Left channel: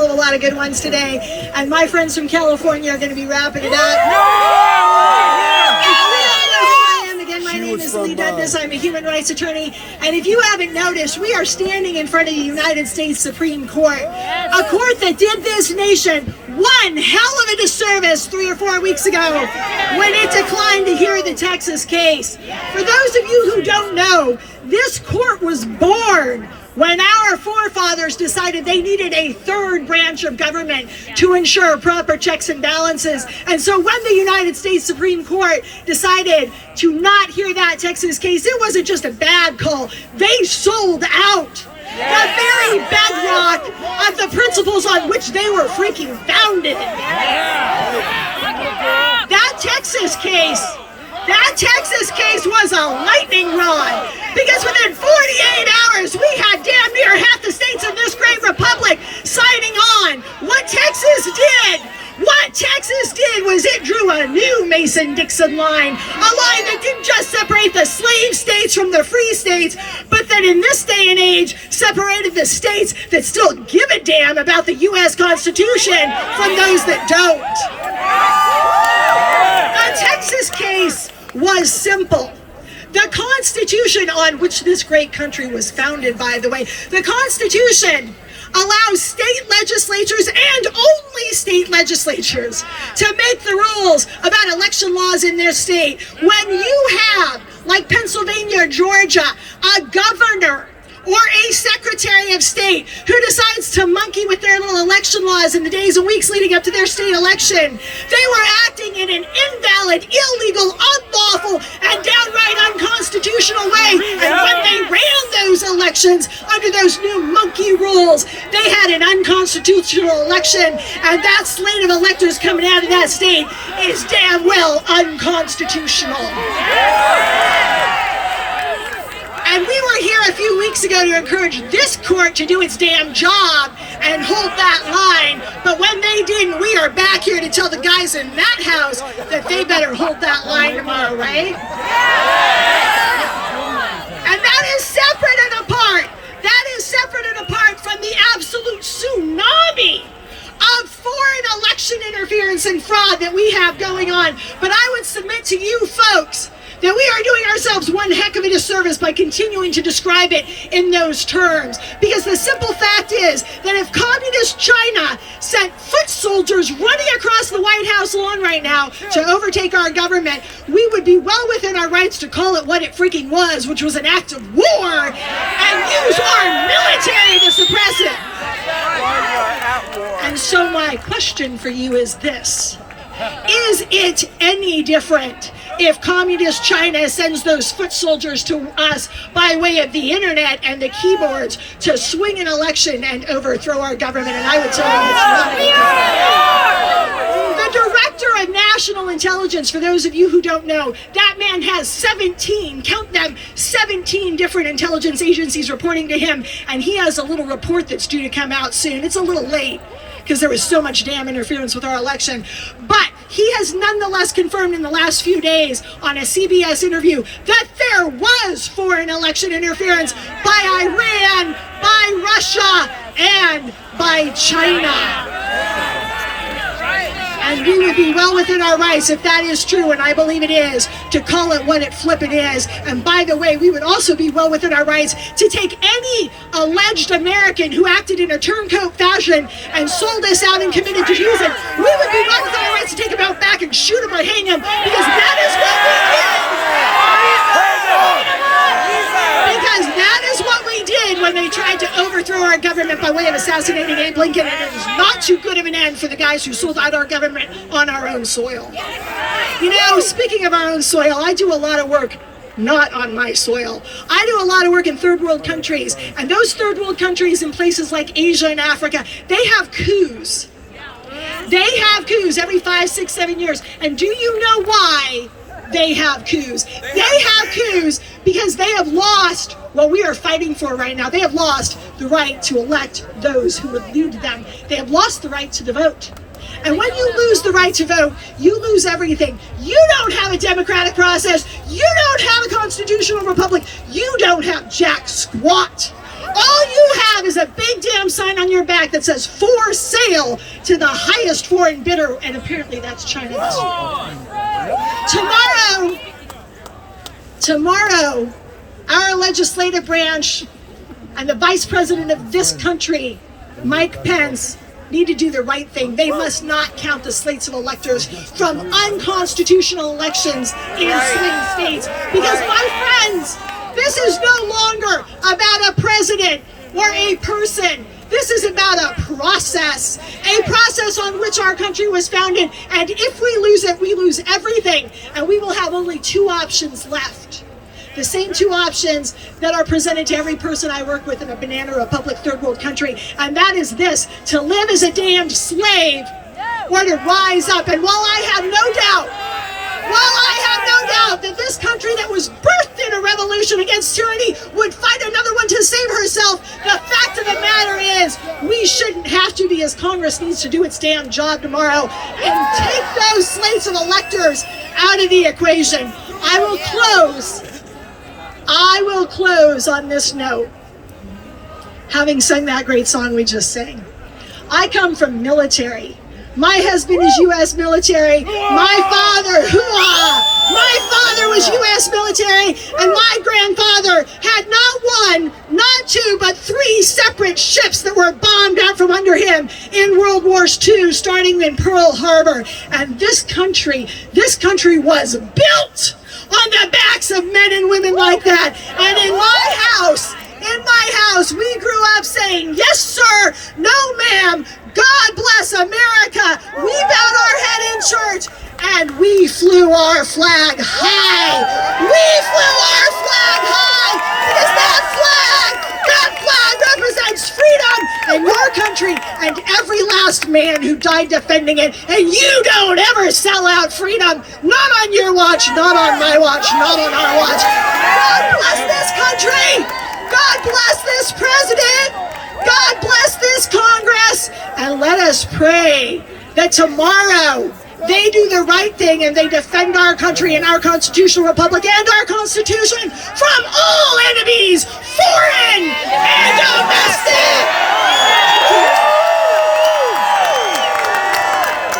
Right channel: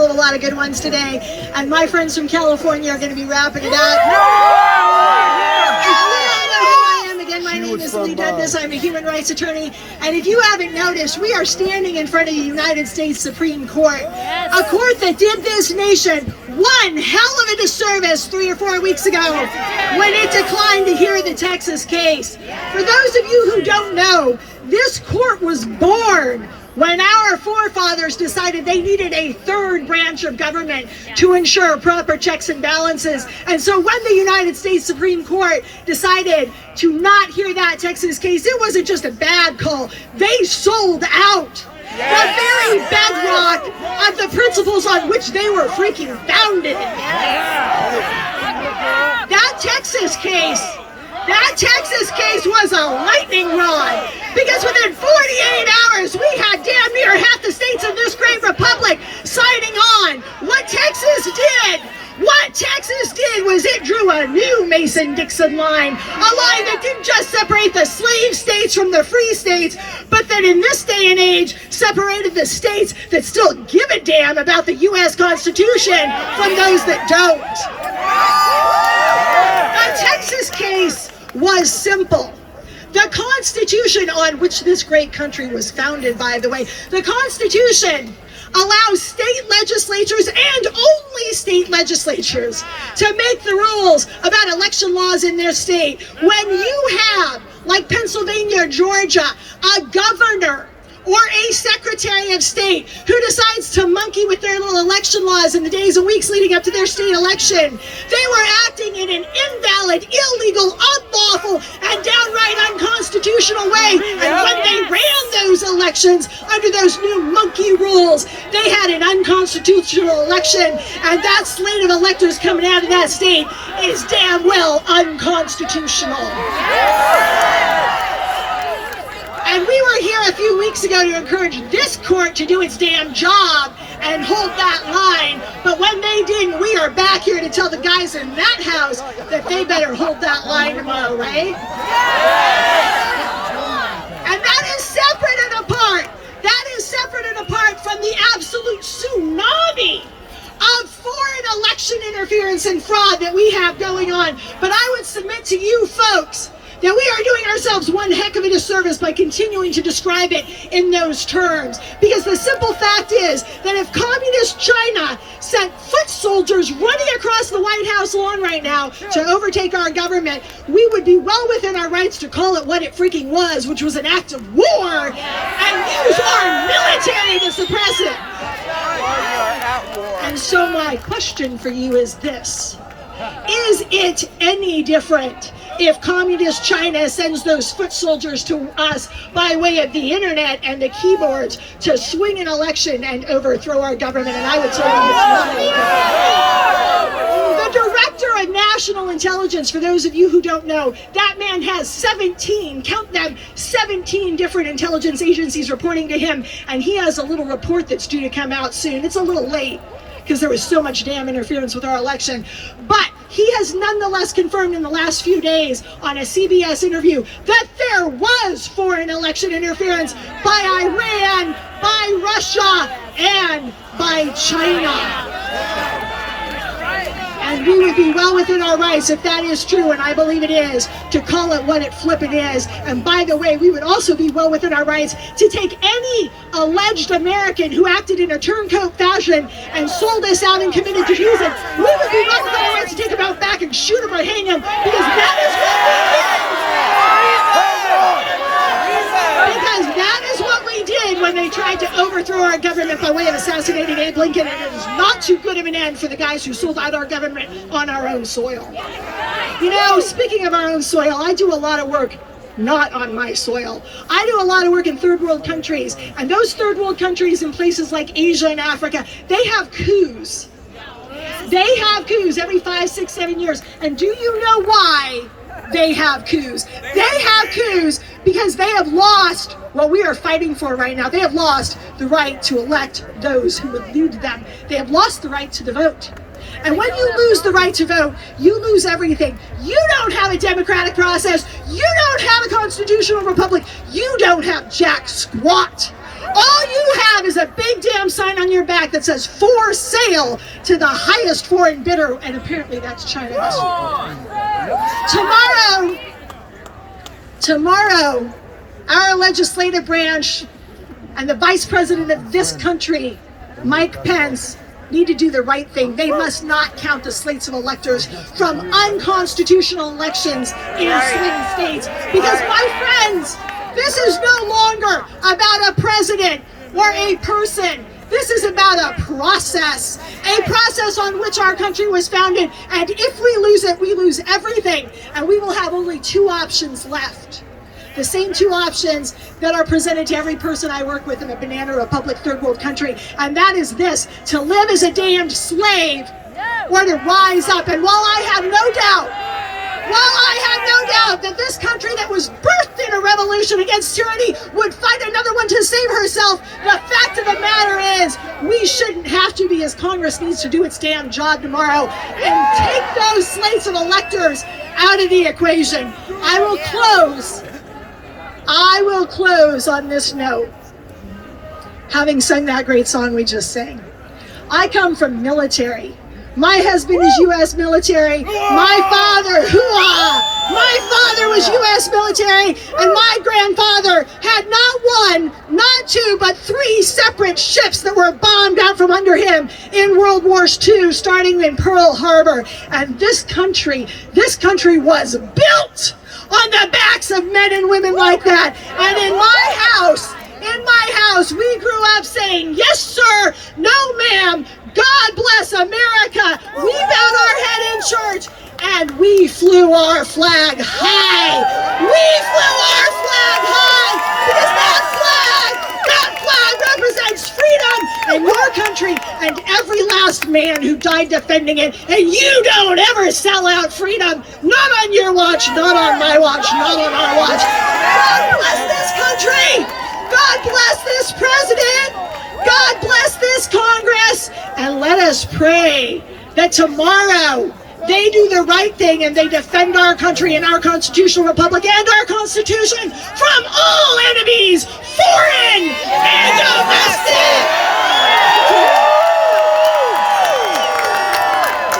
hell of a lot of good ones today. And my friends from California are going to be wrapping it up. Again, my name is Leigh Dundas. I'm a human rights attorney. And if you haven't noticed, we are standing in front of the United States Supreme Court. A court that did this nation one hell of a disservice 3 or 4 weeks ago when it declined to hear the Texas case. For those of you who don't know, this court was born when our forefathers decided they needed a third branch of government to ensure proper checks and balances. And so when the United States Supreme Court decided to not hear that Texas case, it wasn't just a bad call. They sold out the very bedrock of the principles on which they were freaking founded. That Texas case was a lightning rod, because within 48 hours we had damn near half the states of this great republic signing on. What Texas did was it drew a new Mason-Dixon line, a line that didn't just separate the slave states from the free states, but that in this day and age separated the states that still give a damn about the U.S. Constitution from those that don't. The Texas case was simple. The Constitution, on which this great country was founded, by the way, the Constitution allows state legislatures and only state legislatures to make the rules about election laws in their state. When you have, like Pennsylvania, Georgia, a governor or a secretary of state who decides to monkey with their little election laws in the days and weeks leading up to their state election, they were acting in an invalid, illegal, unlawful, and downright unconstitutional way. And when they ran those elections under those new monkey rules, they had an unconstitutional election, and that slate of electors coming out of that state is damn well unconstitutional. And we were here a few weeks ago to encourage this court to do its damn job and hold that line. But when they didn't, we are back here to tell the guys in that house that they better hold that line tomorrow, right? And that is separate and apart. That is separate and apart from the absolute tsunami of foreign election interference and fraud that we have going on. But I would submit to you folks that we are doing ourselves one heck of a disservice by continuing to describe it in those terms. Because the simple fact is that if communist China sent foot soldiers running across the White House lawn right now to overtake our government, we would be well within our rights to call it what it freaking was, which was an act of war, and use our military to suppress it. We are at war. And so my question for you is this: is it any different if communist China sends those foot soldiers to us by way of the internet and the keyboards to swing an election and overthrow our government? And I would tell you it's not. The Director of National Intelligence, for those of you who don't know, that man has 17, count them, 17 different intelligence agencies reporting to him, and he has a little report that's due to come out soon. It's a little late, because there was so much damn interference with our election. But he has nonetheless confirmed in the last few days on a CBS interview that there was foreign election interference by Iran, by Russia, and by China. And we would be well within our rights, if that is true, and I believe it is, to call it what it flippin' is. And by the way, we would also be well within our rights to take any alleged American who acted in a turncoat fashion and sold us out and committed to treason. We would be well within our rights to take him out back and shoot him or hang him, because that is what we did. Because that is what we did when they tried to overthrow our government by way of assassinating Abe Lincoln, and it is not too good of an end for the guys who sold out our government on our own soil. You know, speaking of our own soil, I do a lot of work not on my soil. I do a lot of work in third world countries, and those third world countries in places like Asia and Africa, they have coups. They have coups every 5, 6, 7 years. And do you know why they have coups? They have coups because they have lost what we are fighting for right now. They have lost the right to elect those who would lead them. They have lost the right to the vote. And when you lose the right to vote, you lose everything. You don't have a democratic process. You don't have a constitutional republic. You don't have jack squat. All you have is a big damn sign on your back that says "for sale" to the highest foreign bidder, and apparently that's China. Tomorrow, our legislative branch and the vice president of this country, Mike Pence, need to do the right thing. They must not count the slates of electors from unconstitutional elections in swing states. Because, my friends, this is no longer about a president or a person. This is about a process on which our country was founded. And if we lose it, we lose everything. And we will have only two options left. The same two options that are presented to every person I work with in a banana republic third world country. And that is this: to live as a damned slave or to rise up. And while I have no doubt that this country that was birthed in a revolution against tyranny would fight another one to save herself, the fact of the matter is we shouldn't have to, because Congress needs to do its damn job tomorrow and take those slates of electors out of the equation. I will close on this note, having sung that great song we just sang. I come from military. My husband is U.S. military. My father was U.S. military, and my grandfather had not one, not two, but three separate ships that were bombed out from under him in World War II, starting in Pearl Harbor. And this country was built on the backs of men and women like that. And in my house, we grew up saying, "Yes, sir," "No, ma'am," "God bless America." We bowed our head in church and we flew our flag high. Because that flag represents freedom and your country and every last man who died defending it. And you don't ever sell out freedom. Not on your watch, not on my watch, not on our watch. God bless this country. God bless this president. God bless this Congress. And let us pray that tomorrow they do the right thing and they defend our country and our constitutional republic and our Constitution from